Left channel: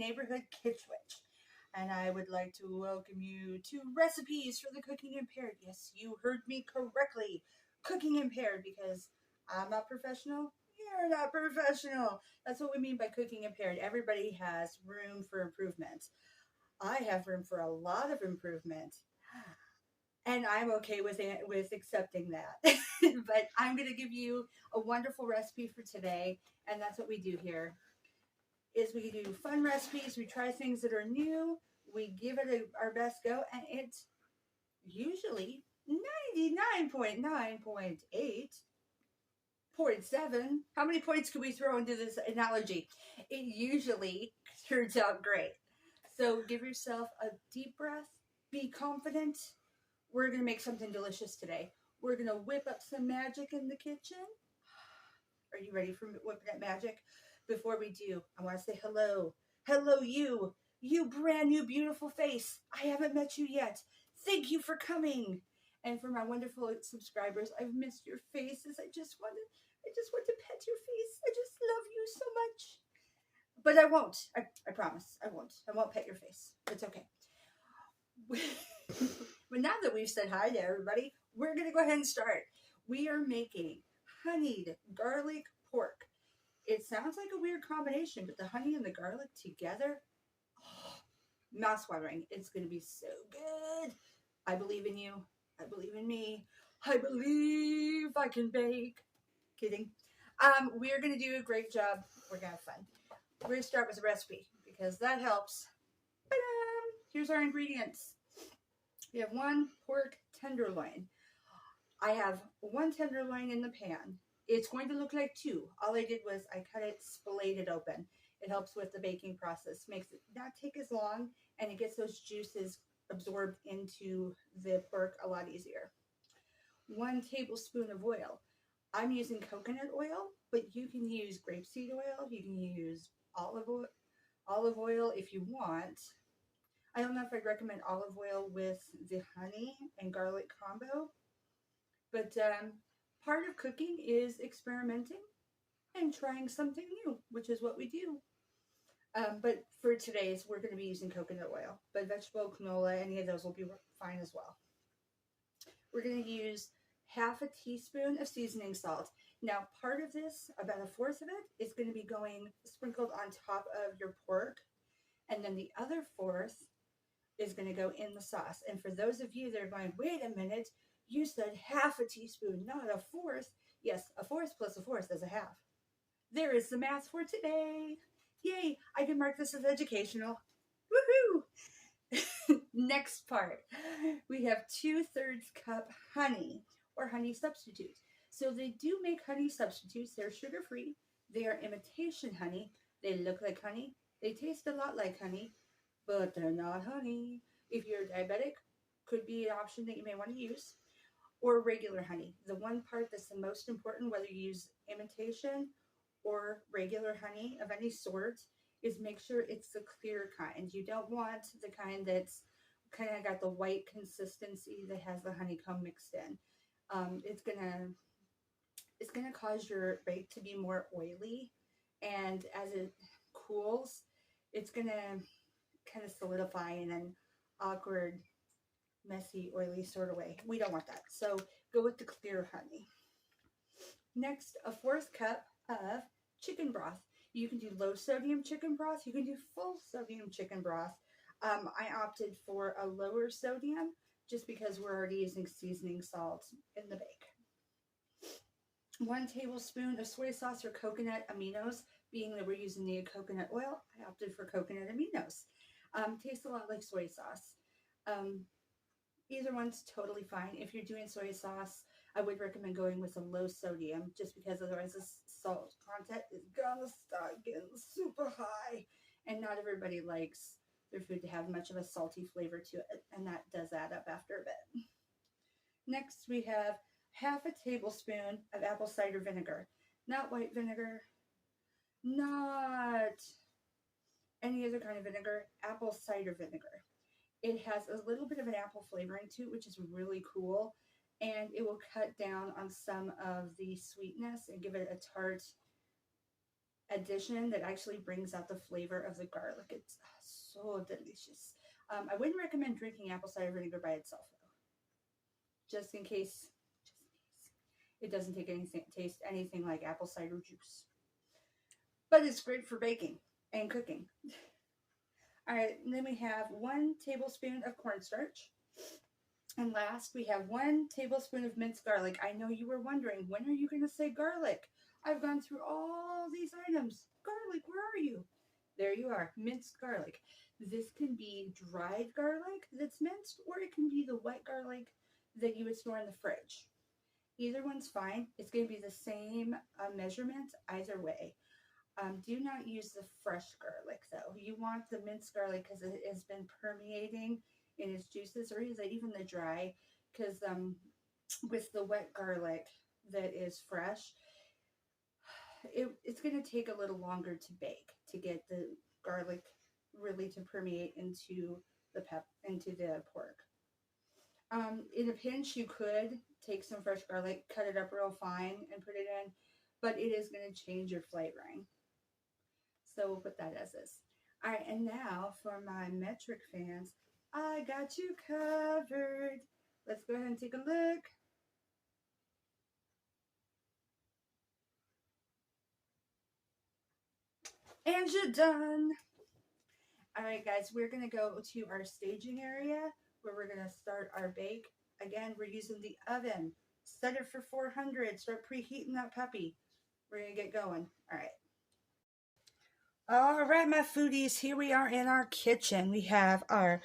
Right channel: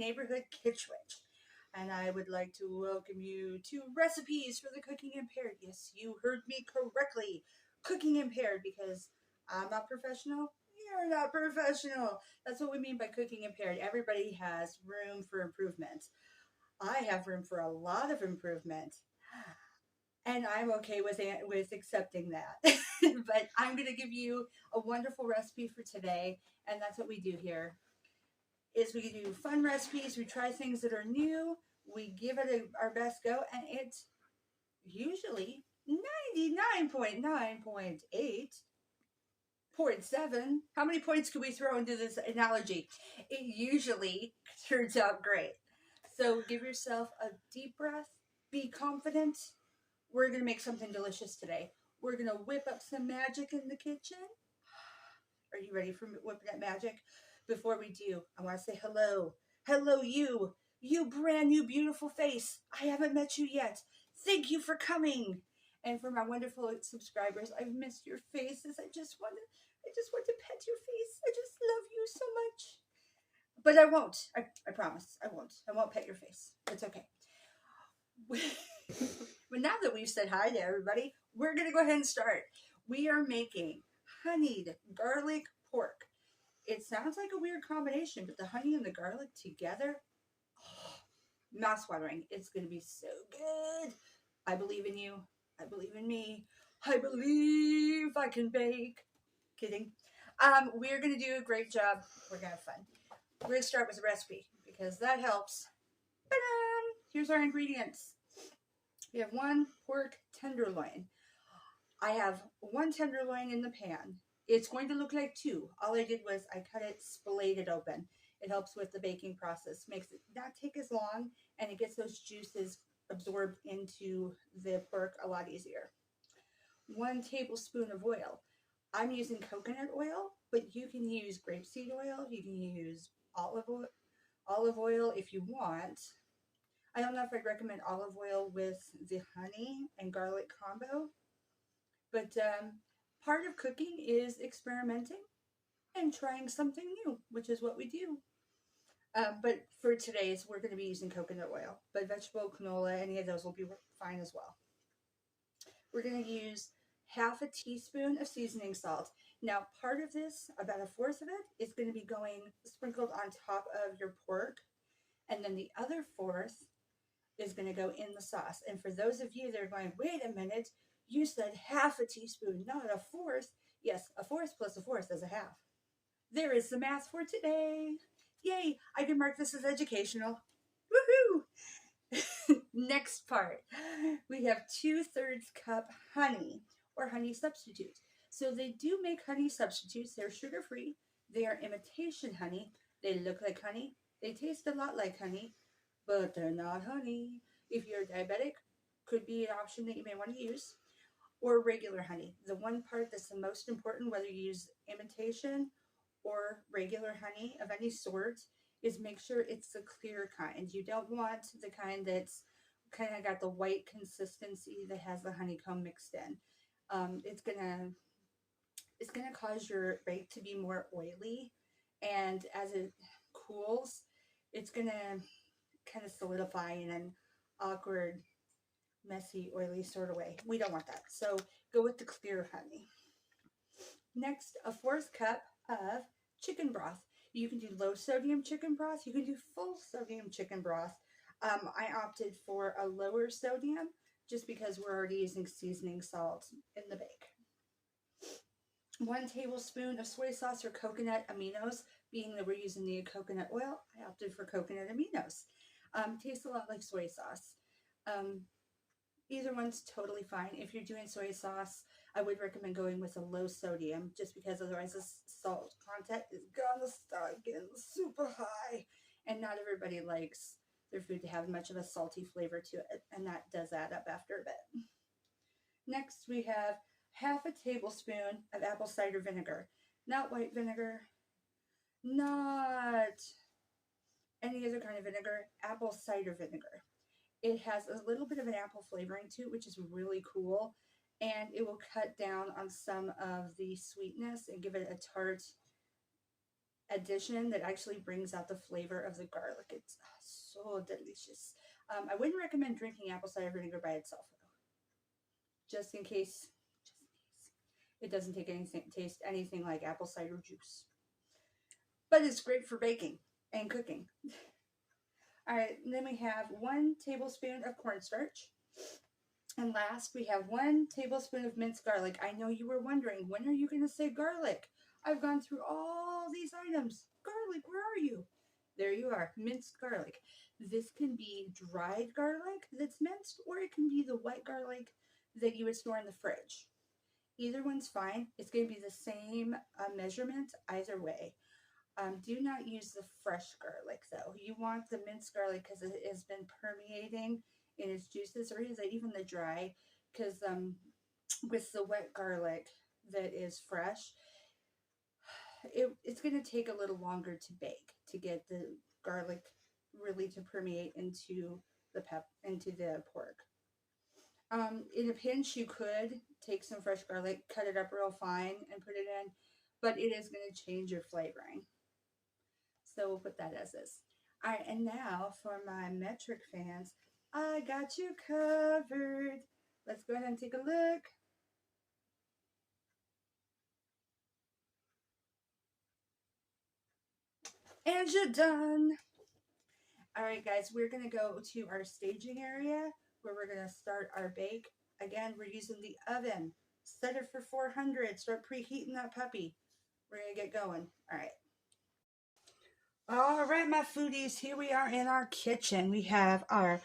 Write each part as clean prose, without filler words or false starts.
neighborhood Kitchwich. And I would like to welcome you to Recipes for the Cooking Impaired. Yes, you heard me correctly. Cooking Impaired, because I'm not professional. You're not professional. That's what we mean by cooking impaired. Everybody has room for improvement. I have room for a lot of improvement, and I'm okay with accepting that. But I'm going to give you a wonderful recipe for today, and that's what we do here. Is we do fun recipes, we try things that are new, we give it our best go, and it's usually 99.9.8.7. How many points can we throw into this analogy? It usually turns out great. So give yourself a deep breath, be confident. We're going to make something delicious today. We're going to whip up some magic in the kitchen. Are you ready for whipping up magic? Before we do, I want to say hello. Hello, you. You brand new beautiful face. I haven't met you yet. Thank you for coming. And for my wonderful subscribers, I've missed your faces. I just want to pet your face. I just love you so much. But I won't. I promise. I won't. I won't pet your face. It's okay. But now that we've said hi to everybody, we're going to go ahead and start. We are making honeyed garlic pork. It sounds like a weird combination, but the honey and the garlic together, oh, mouth-watering. It's going to be so good. I believe in you. I believe in me. I believe I can bake. Kidding. We're going to do a great job. We're going to have fun. We're going to start with the recipe because that helps. Ta-da! Here's our ingredients. We have 1 pork tenderloin. I have 1 tenderloin in the pan. It's going to look like 2. All I did was I cut it, splayed it open. It helps with the baking process, makes it not take as long, and it gets those juices absorbed into the pork a lot easier. 1 tablespoon of oil. I'm using coconut oil, but you can use grapeseed oil. You can use olive oil if you want. I don't know if I'd recommend olive oil with the honey and garlic combo, but part of cooking is experimenting and trying something new, which is what we do. But for today's, we're going to be using coconut oil, but vegetable, canola, any of those will be fine as well. We're going to use half a teaspoon of seasoning salt. Now, part of this, about 1/4 of it, is going to be going sprinkled on top of your pork, and then the other 1/4 is going to go in the sauce. And for those of you that are going, wait a minute, you said half a teaspoon, not 1/4. Yes, 1/4 plus 1/4 is 1/2. There is the math for today. Yay, I can mark this as educational. Woohoo! Next part, we have 2/3 cup honey or honey substitute. So they do make honey substitutes. They're sugar-free. They are imitation honey. They look like honey. They taste a lot like honey, but they're not honey. If you're diabetic, could be an option that you may want to use. Or regular honey. The one part that's the most important, whether you use imitation or regular honey of any sort, is make sure it's the clear kind. You don't want the kind that's kind of got the white consistency that has the honeycomb mixed in. It's gonna cause your bake to be more oily, and as it cools, it's gonna kind of solidify in an awkward, messy, oily sort of way. We don't want that. So go with the clear honey. Next, 1/4 cup of chicken broth. You can do low sodium chicken broth. You can do full sodium chicken broth. I opted for a lower sodium just because we're already using seasoning salt in the bake. 1 tablespoon of soy sauce or coconut aminos. Being that we're using the coconut oil, I opted for coconut aminos. Tastes a lot like soy sauce. Either one's totally fine. If you're doing soy sauce, I would recommend going with a low sodium just because otherwise the salt content is gonna start getting super high, and not everybody likes their food to have much of a salty flavor to it, and that does add up after a bit. Next, we have 1/2 tablespoon of apple cider vinegar. Not white vinegar, not any other kind of vinegar, apple cider vinegar. It has a little bit of an apple flavoring to it, which is really cool, and it will cut down on some of the sweetness and give it a tart addition that actually brings out the flavor of the garlic. It's so delicious. I wouldn't recommend drinking apple cider vinegar by itself, though, just in case. It doesn't taste anything like apple cider juice, but it's great for baking and cooking. All right, and then we have 1 tablespoon of cornstarch. And last, we have 1 tablespoon of minced garlic. I know you were wondering, when are you going to say garlic? I've gone through all these items. Garlic, where are you? There you are, minced garlic. This can be dried garlic that's minced, or it can be the wet garlic that you would store in the fridge. Either one's fine. It's going to be the same measurement either way. Do not use the fresh garlic, though. You want the minced garlic because it has been permeating in its juices, or is it even the dry? Because with the wet garlic that is fresh, it's going to take a little longer to bake to get the garlic really to permeate into the pork. In a pinch, you could take some fresh garlic, cut it up real fine, and put it in, but it is going to change your flavoring. So we'll put that as is. All right, and now for my metric fans, I got you covered. Let's go ahead and take a look. And you're done. All right, guys, we're going to go to our staging area where we're going to start our bake. Again, we're using the oven. Set it for 400. Start preheating that puppy. We're going to get going. All right. All right, my foodies, here we are in our kitchen. We have our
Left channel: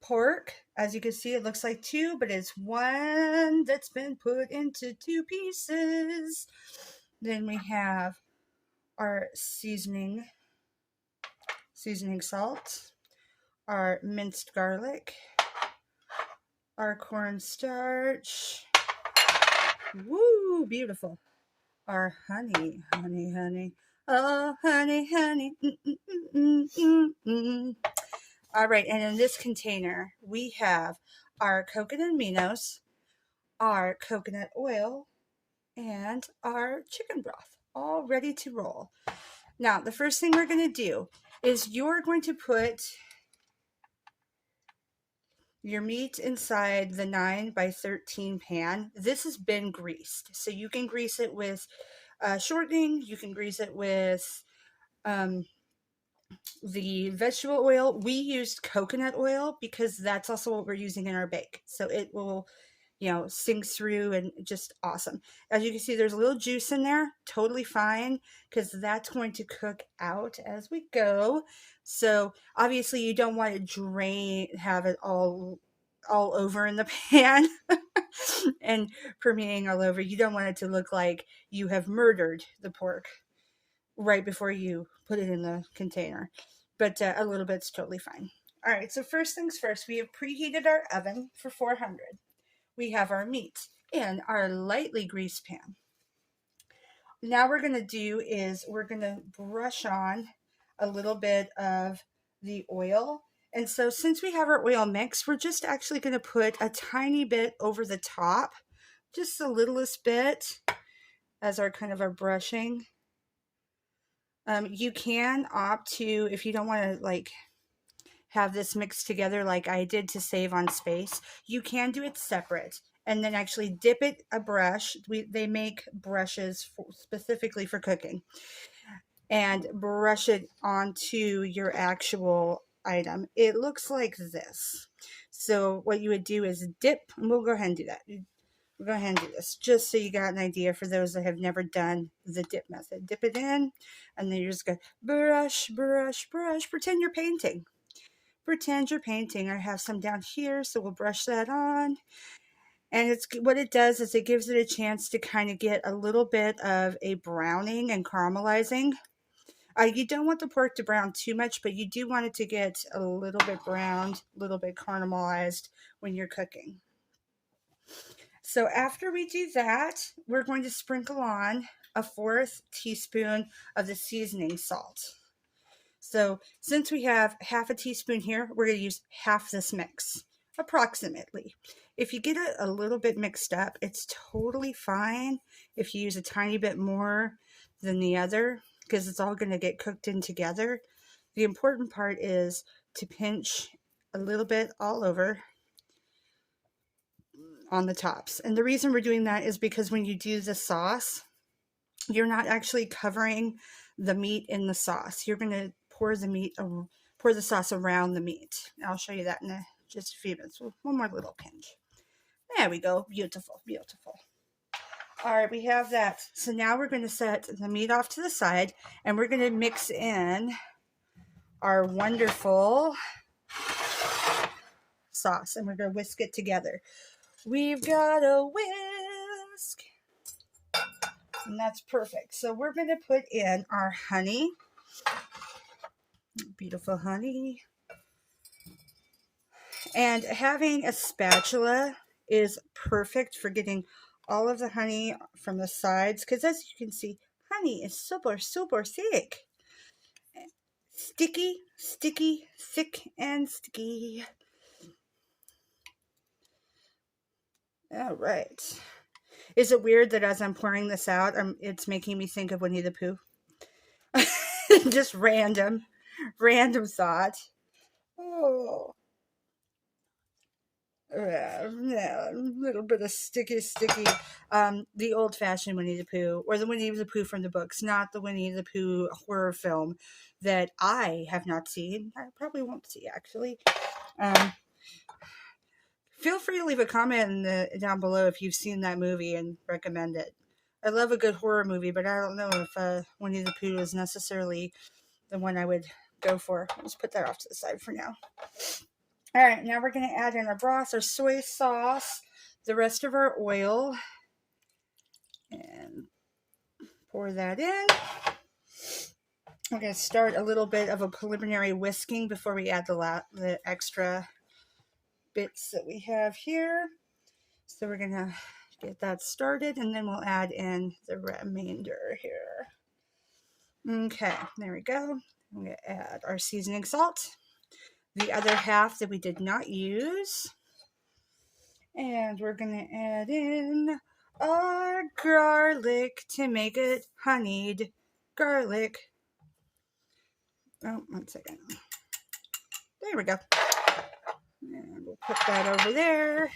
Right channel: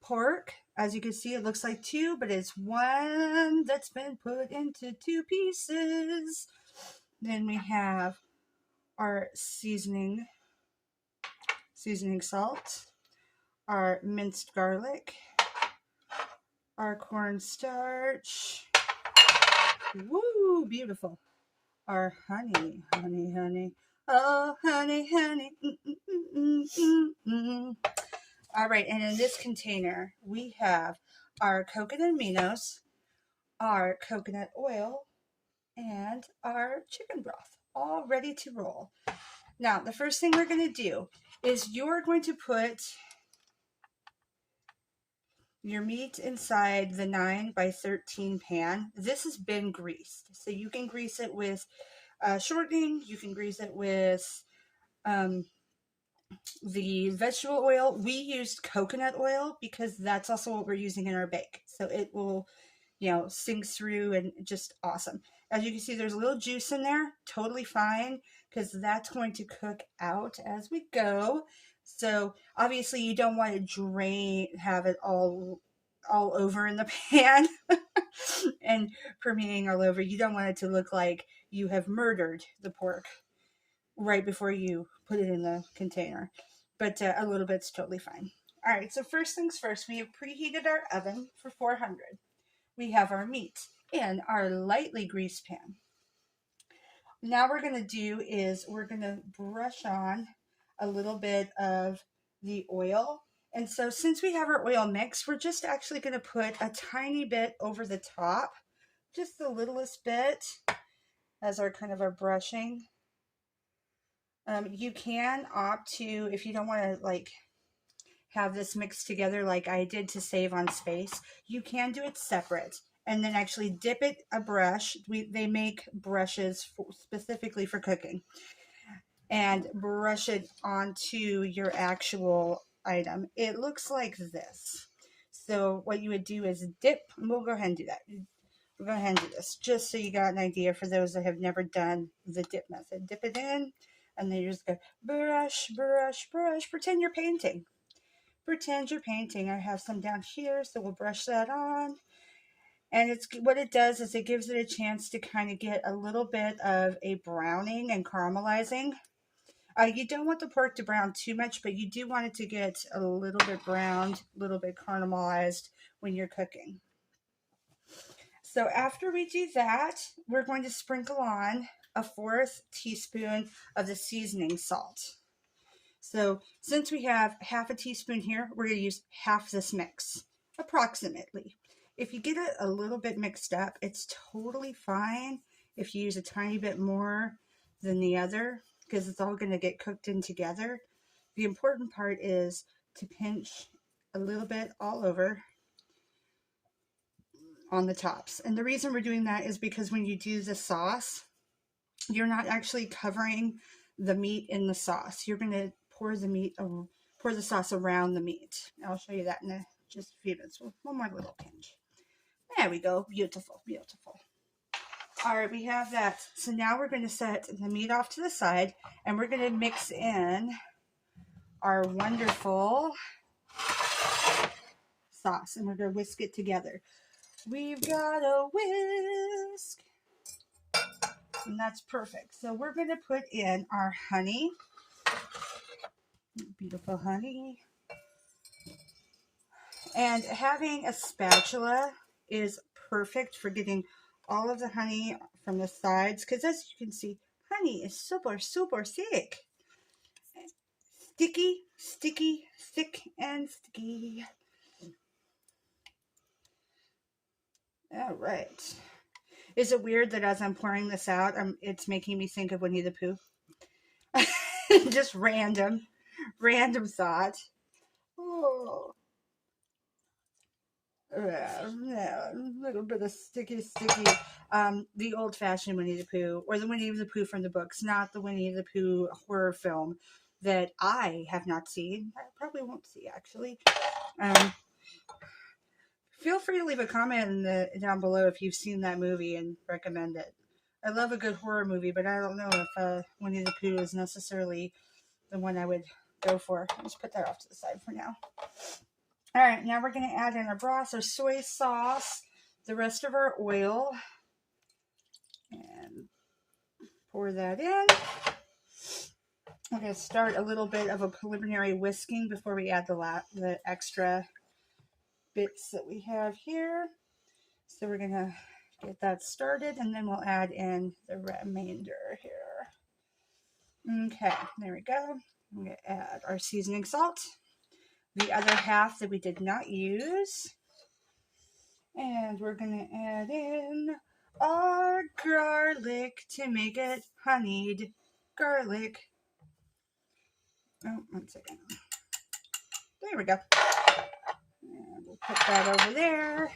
pork. As you can see, it looks like 2, but it's 1 that's been put into 2 pieces. Then we have our seasoning salt, our minced garlic, our cornstarch. Woo, beautiful. Our honey. Oh, honey. All right, and in this container, we have our coconut aminos, our coconut oil, and our chicken broth, all ready to roll. Now, the first thing we're going to do is you're going to put your meat inside the 9x13 pan. This has been greased, so you can grease it with shortening. You can grease it with the vegetable oil. We used coconut oil because that's also what we're using in our bake. So it will, sink through and just awesome. As you can see, there's a little juice in there. Totally fine because that's going to cook out as we go. So obviously you don't want to have it all over in the pan and permeating all over. You don't want it to look like you have murdered the pork right before you put it in the container, but a little bit's totally fine. All right, so first things first, we have preheated our oven for 400. We have our meat in our lightly greased pan. Now we're going to do is we're going to brush on a little bit of the oil. And so since we have our oil mix, we're just actually going to put a tiny bit over the top, just the littlest bit as our kind of our brushing. You can opt to, if you don't want to have this mixed together like I did to save on space, you can do it separate and then actually dip it a brush. They make brushes specifically for cooking, and brush it onto your actual item. It looks like this. So what you would do is dip, and we'll go ahead and do that. We'll go ahead and do this just so you got an idea for those that have never done the dip method. Dip it in, and then you're just going to brush. Pretend you're painting. I have some down here, so we'll brush that on. And what it does is it gives it a chance to kind of get a little bit of a browning and caramelizing. You don't want the pork to brown too much, but you do want it to get a little bit browned, a little bit caramelized when you're cooking. So after we do that, we're going to sprinkle on a 1/4 teaspoon of the seasoning salt. So since we have 1/2 teaspoon here, we're going to use half this mix, approximately. If you get it a little bit mixed up, it's totally fine if you use a tiny bit more than the other. because it's all going to get cooked in together. The important part is to pinch a little bit all over on the tops. And the reason we're doing that is because when you do the sauce, you're not actually covering the meat in the sauce. You're going to pour the sauce around the meat. I'll show you that in just a few minutes. One more little pinch. There we go. Beautiful, beautiful. All right, we have that. So now we're going to set the meat off to the side, and we're going to mix in our wonderful sauce, and we're going to whisk it together. We've got a whisk, and that's perfect. So we're going to put in our honey, beautiful honey, and having a spatula is perfect for getting all of the honey from the sides, because as you can see, honey is super, super thick. Sticky, sticky, thick and sticky. All right. Is it weird that as I'm pouring this out, it's making me think of Winnie the Pooh? Just random thought. Oh. Yeah, a little bit of sticky. The old-fashioned Winnie the Pooh, or the Winnie the Pooh from the books, not the Winnie the Pooh horror film that I have not seen. I probably won't see, actually. Feel free to leave a comment down below if you've seen that movie and recommend it. I love a good horror movie, but I don't know if Winnie the Pooh is necessarily the one I would go for. Let's put that off to the side for now. All right, now we're going to add in our broth, our soy sauce, the rest of our oil, and pour that in. We're going to start a little bit of a preliminary whisking before we add the extra bits that we have here. So we're going to get that started, and then we'll add in the remainder here. Okay, there we go. I'm going to add our seasoning salt, the other half that we did not use. And we're going to add in our garlic to make it honeyed garlic. Oh, 1 second. There we go. And we'll put that over there.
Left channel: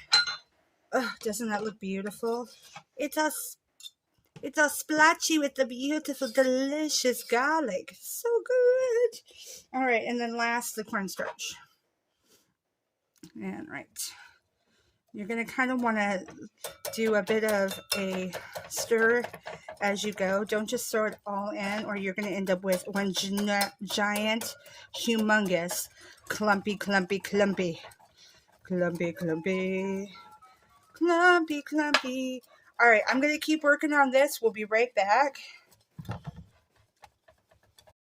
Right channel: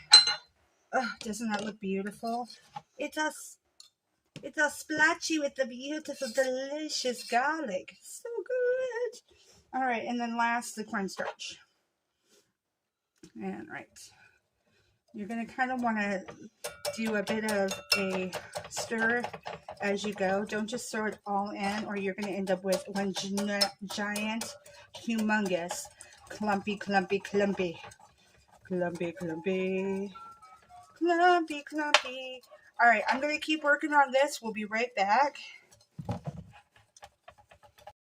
Oh, doesn't that look beautiful? It's all splatchy with the beautiful, delicious garlic. So good. All right, and then last, the cornstarch. And right. You're going to kind of want to do a bit of a stir as you go. Don't just throw it all in, or you're going to end up with one giant, humongous, clumpy. All right, I'm going to keep working on this. We'll be right back.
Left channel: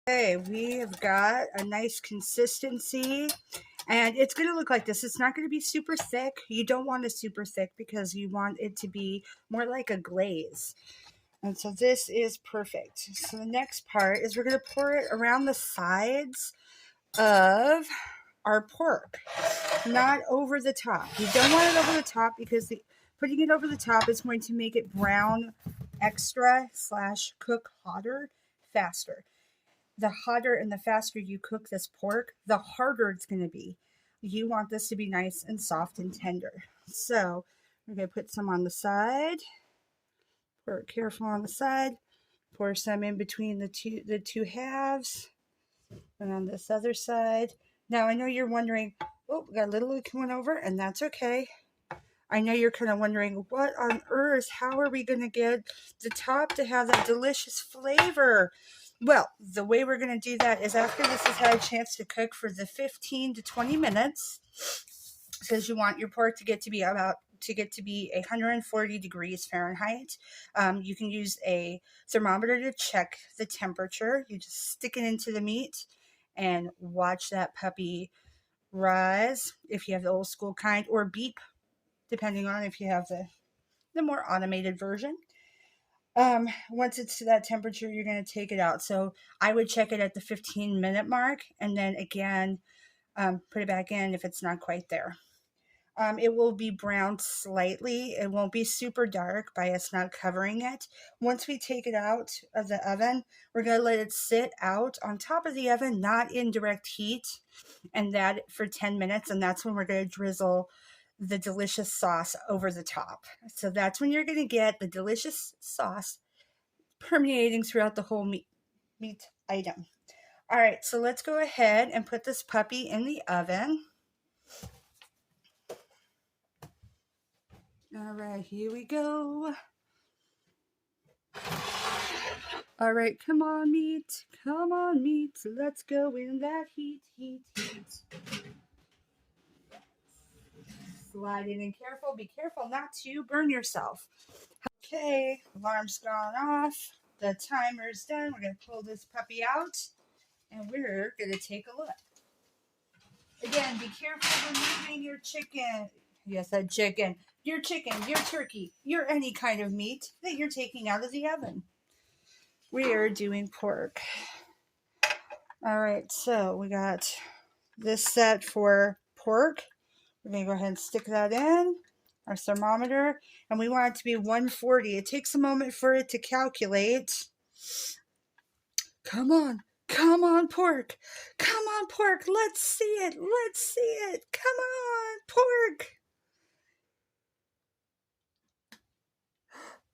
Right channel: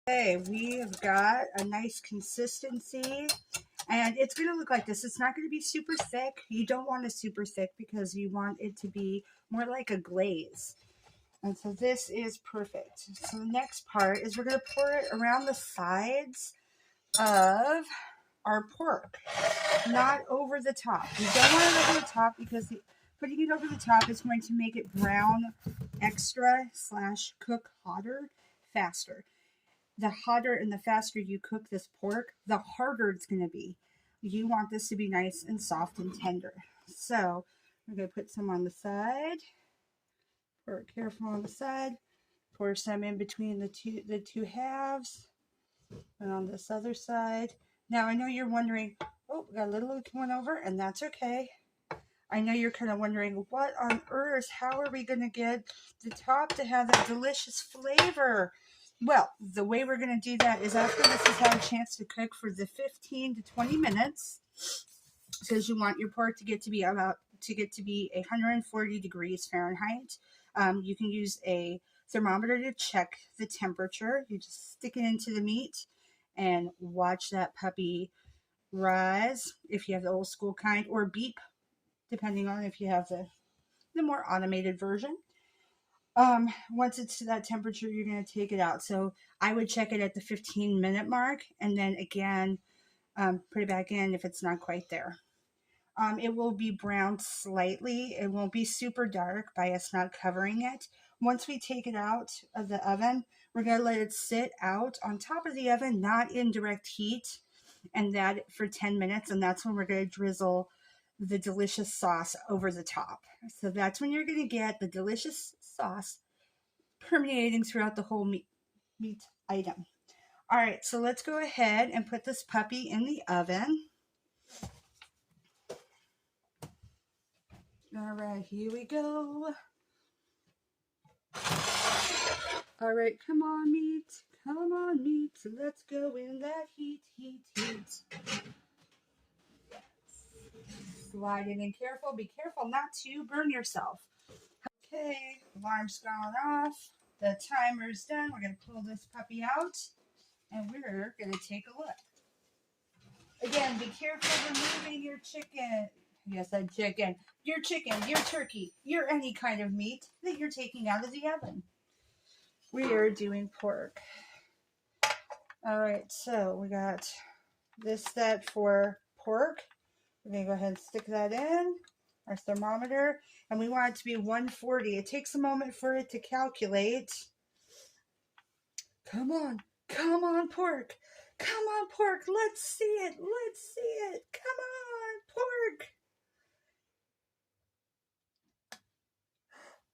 Okay, we have got a nice consistency. And it's going to look like this. It's not going to be super thick. You don't want it super thick because you want it to be more like a glaze. And so this is perfect. So the next part is we're going to pour it around the sides of our pork, not over the top. You don't want it over the top because putting it over the top is going to make it brown extra / cook hotter faster. The hotter and the faster you cook this pork, the harder it's going to be. You want this to be nice and soft and tender. So we're going to put some on the side. Pour it careful on the side. Pour some in between the two halves. And on this other side. Now I know you're wondering, oh, we got a little coming over, and that's okay. I know you're kind of wondering, what on earth? How are we going to get the top to have that delicious flavor? Well, the way we're going to do that is after this has had a chance to cook for the 15 to 20 minutes, because you want your pork to get to be 140 degrees Fahrenheit. You can use a thermometer to check the temperature. You just stick it into the meat and watch that puppy rise if you have the old school kind, or beep, depending on if you have the more automated version. Once it's to that temperature, you're going to take it out. So I would check it at the 15-minute mark, and then again, put it back in if it's not quite there. It will be browned slightly. It won't be super dark by us not covering it. Once we take it out of the oven, we're going to let it sit out on top of the oven, not in direct heat, and that for 10 minutes. And that's when we're going to drizzle the delicious sauce over the top. So that's when you're going to get the delicious sauce permeating throughout the whole meat item. All right, so let's go ahead and put this puppy in the oven. All right, here we go. All right, come on, meat. Come on, meat. Let's go in that heat, heat, heat. Slide it in careful. Be careful not to burn yourself. Okay, alarm's gone off. The timer's done. We're going to pull this puppy out, and we're going to take a look. Again, be careful removing your chicken. Yes, that chicken. Your chicken, your turkey, your any kind of meat that you're taking out of the oven. We're doing pork. All right, so we got this set for pork. We're going to go ahead and stick that in our thermometer, and we want it to be 140. It takes a moment for it to calculate. Come on, pork. Come on, pork. Let's see it. Let's see it. Come on, pork.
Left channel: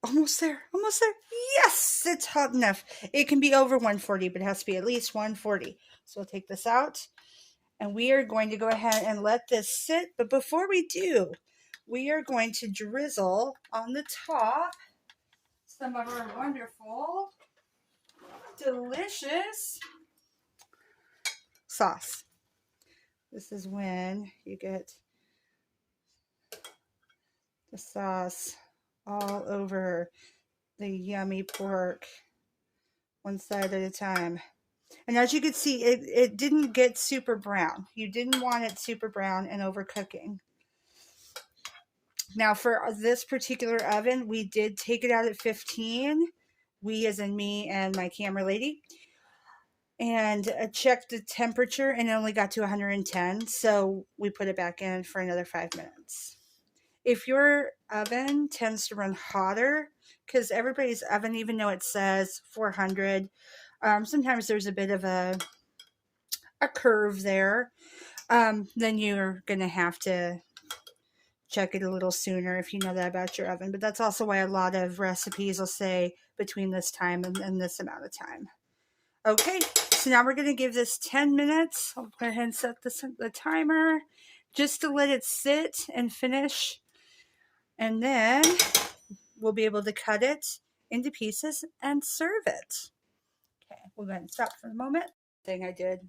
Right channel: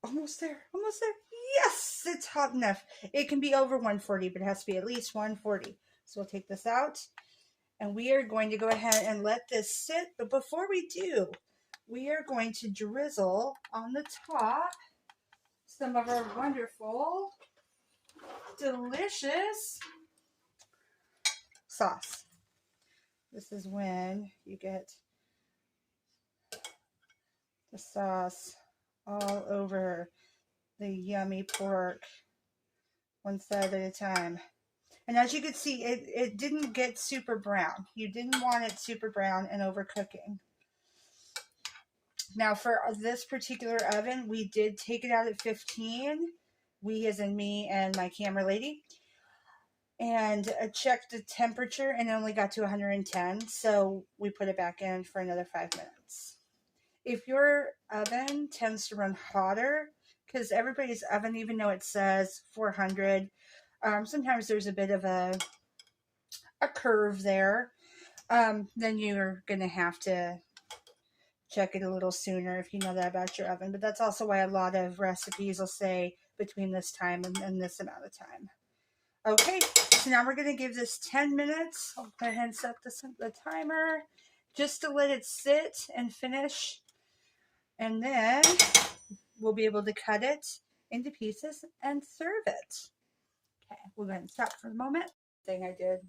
Almost there. Almost there. Yes, it's hot enough. It can be over 140, but it has to be at least 140. So we'll take this out, and we are going to go ahead and let this sit. But before we do, we are going to drizzle on the top some of our wonderful, delicious sauce. This is when you get the sauce all over the yummy pork, one side at a time. And as you can see, it didn't get super brown. You didn't want it super brown and overcooking. Now for this particular oven, we did take it out at 15. We as in me and my camera lady. And checked the temperature, and it only got to 110. So we put it back in for another 5 minutes. If your oven tends to run hotter, because everybody's oven, even though it says 400, sometimes there's a bit of a curve there, then you're going to have to check it a little sooner if you know that about your oven. But that's also why a lot of recipes will say between this time and this amount of time. Okay, so now we're going to give this 10 minutes. I'll go ahead and set the timer just to let it sit and finish. And then we'll be able to cut it into pieces and serve it. Okay, we'll go ahead and stop for a moment. Thing I did.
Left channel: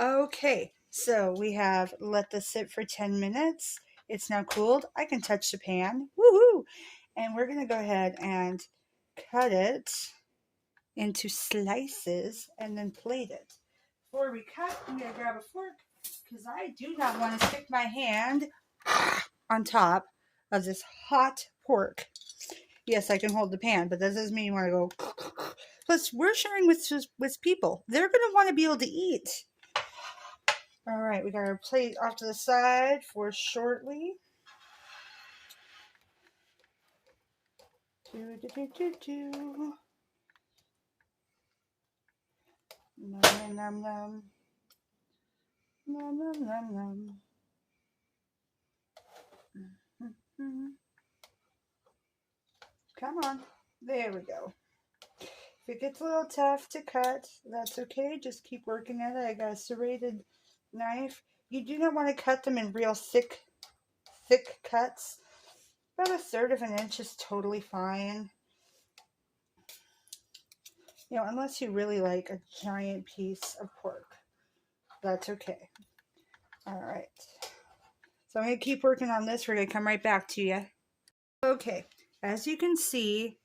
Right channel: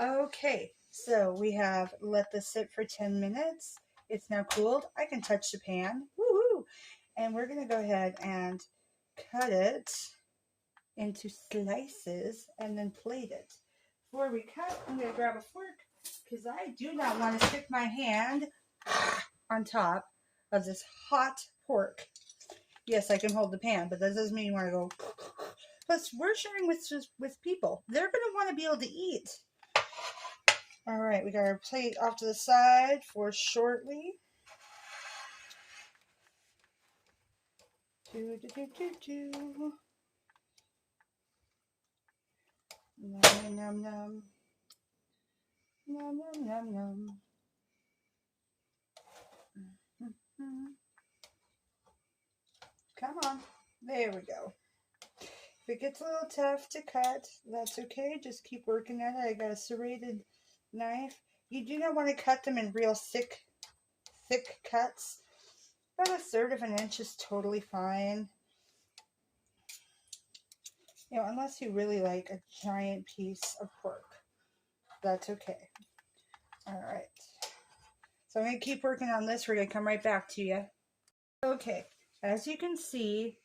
Okay, so we have let this sit for 10 minutes. It's now cooled. I can touch the pan. Woohoo! And we're going to go ahead and cut it into slices and then plate it. Before we cut, I'm going to grab a fork because I do not want to stick my hand on top of this hot pork. Yes, I can hold the pan, but that doesn't mean you want to go. Plus, we're sharing with people. They're going to want to be able to eat. All right, we got our plate off to the side for shortly. Nom, nom, nom. Nom, nom, nom, nom. Come on. There we go. If it gets a little tough to cut, that's okay. Just keep working at it. I got a serrated knife. You do not want to cut them in real thick cuts. About 1/3 of an inch is totally fine. You know, unless you really like a giant piece of pork. That's okay. All right. So I'm going to keep working on this. We're going to come right back to you. Okay. As you can see,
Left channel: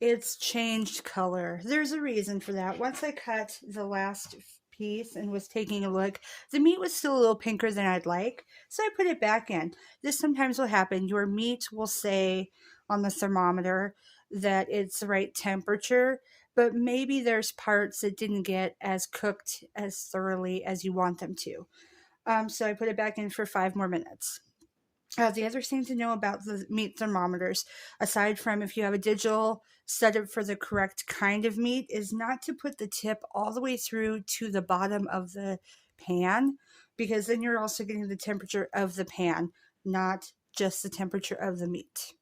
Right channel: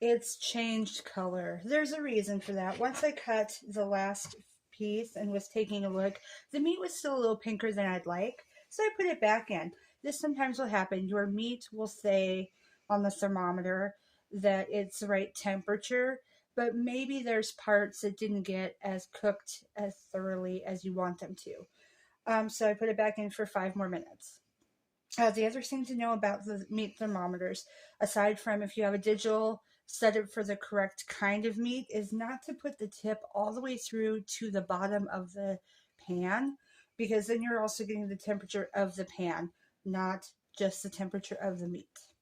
it's changed color. There's a reason for that. Once I cut the last piece and was taking a look, the meat was still a little pinker than I'd like. So I put it back in. This sometimes will happen. Your meat will say on the thermometer that it's the right temperature, but maybe there's parts that didn't get as cooked as thoroughly as you want them to. So I put it back in for 5 more minutes. The other thing to know about the meat thermometers, aside from if you have a digital setup for the correct kind of meat, is not to put the tip all the way through to the bottom of the pan, because then you're also getting the temperature of the pan, not just the temperature of the meat.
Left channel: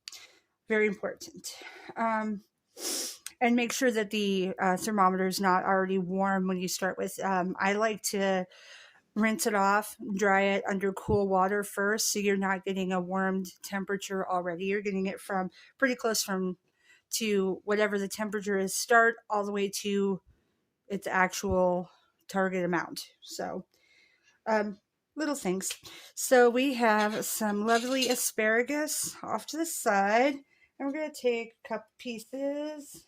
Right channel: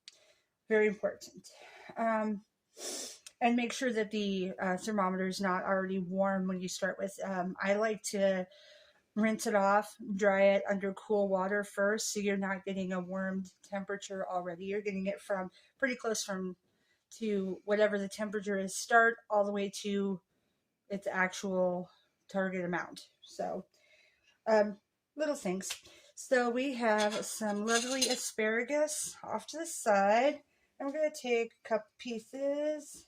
Very important. Um, and make sure that the thermometer is not already warm when you start with. I like to rinse it off, dry it under cool water first, so you're not getting a warmed temperature already. You're getting it from pretty close from to whatever the temperature is start all the way to its actual target amount. So, um, little things. So we have some lovely asparagus off to the side, and we're gonna take a couple pieces.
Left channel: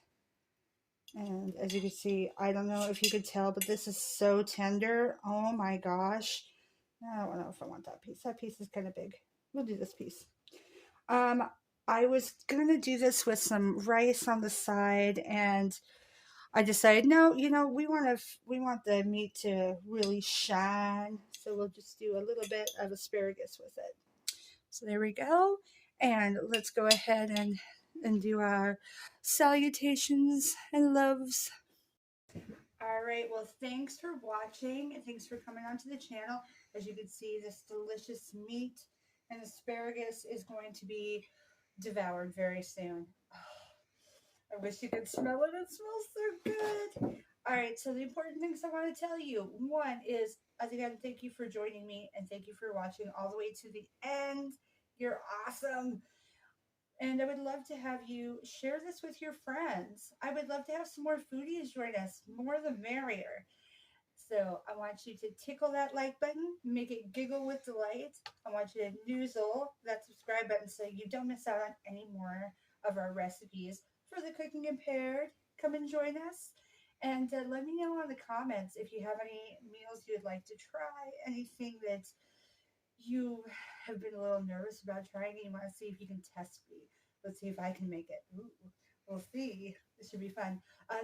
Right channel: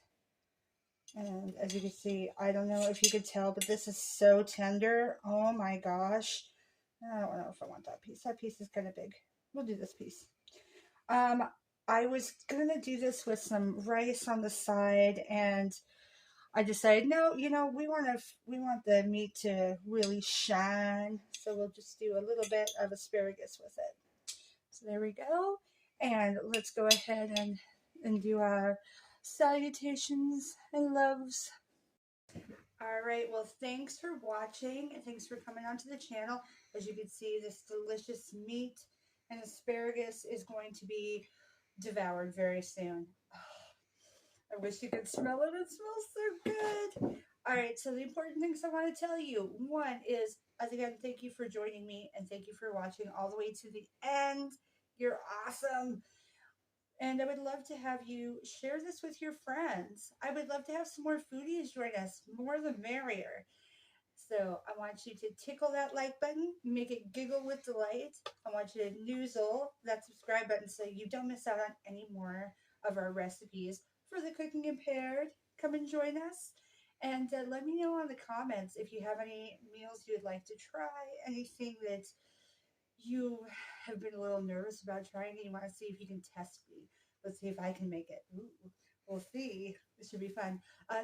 And as you can see, I don't know if you could tell, but this is so tender. Oh my gosh. I don't know if I want that piece. That piece is kind of big. We'll do this piece. Um, I was gonna do this with some rice on the side, and I decided, no, we want the meat to really shine, so we'll just do a little bit of asparagus with it. So there we go, and let's go ahead and do our salutations and loves. All right, well, thanks for watching and thanks for coming onto the channel. As you can see, this delicious meat and asparagus is going to be devoured very soon. I wish you could smell it. It smells so good. All right, so the important things I want to tell you. One is, again, thank you for joining me and thank you for watching all the way to the end. You're awesome. And I would love to have you share this with your friends. I would love to have some more foodies join us. More the merrier. So I want you to tickle that like button, make it giggle with delight. I want you to noozle that subscribe button so you don't miss out on any more of our recipes for the Cooking Impaired. Come and join us. And let me know in the comments if you have any meals you'd like to try, anything that you have been a little nervous about trying and you want to see if you can test me. Let's see if I can make it. Ooh, we'll see. This should be fun.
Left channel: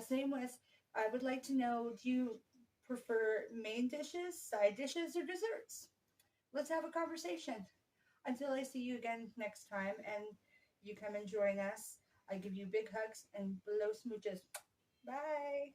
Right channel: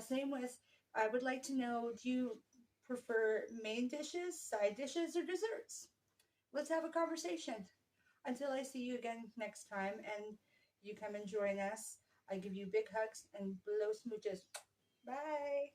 Same with, I would like to know, do you prefer main dishes, side dishes, or desserts? Let's have a conversation. Until I see you again next time and you come and join us, I give you big hugs and blow smooches. Bye.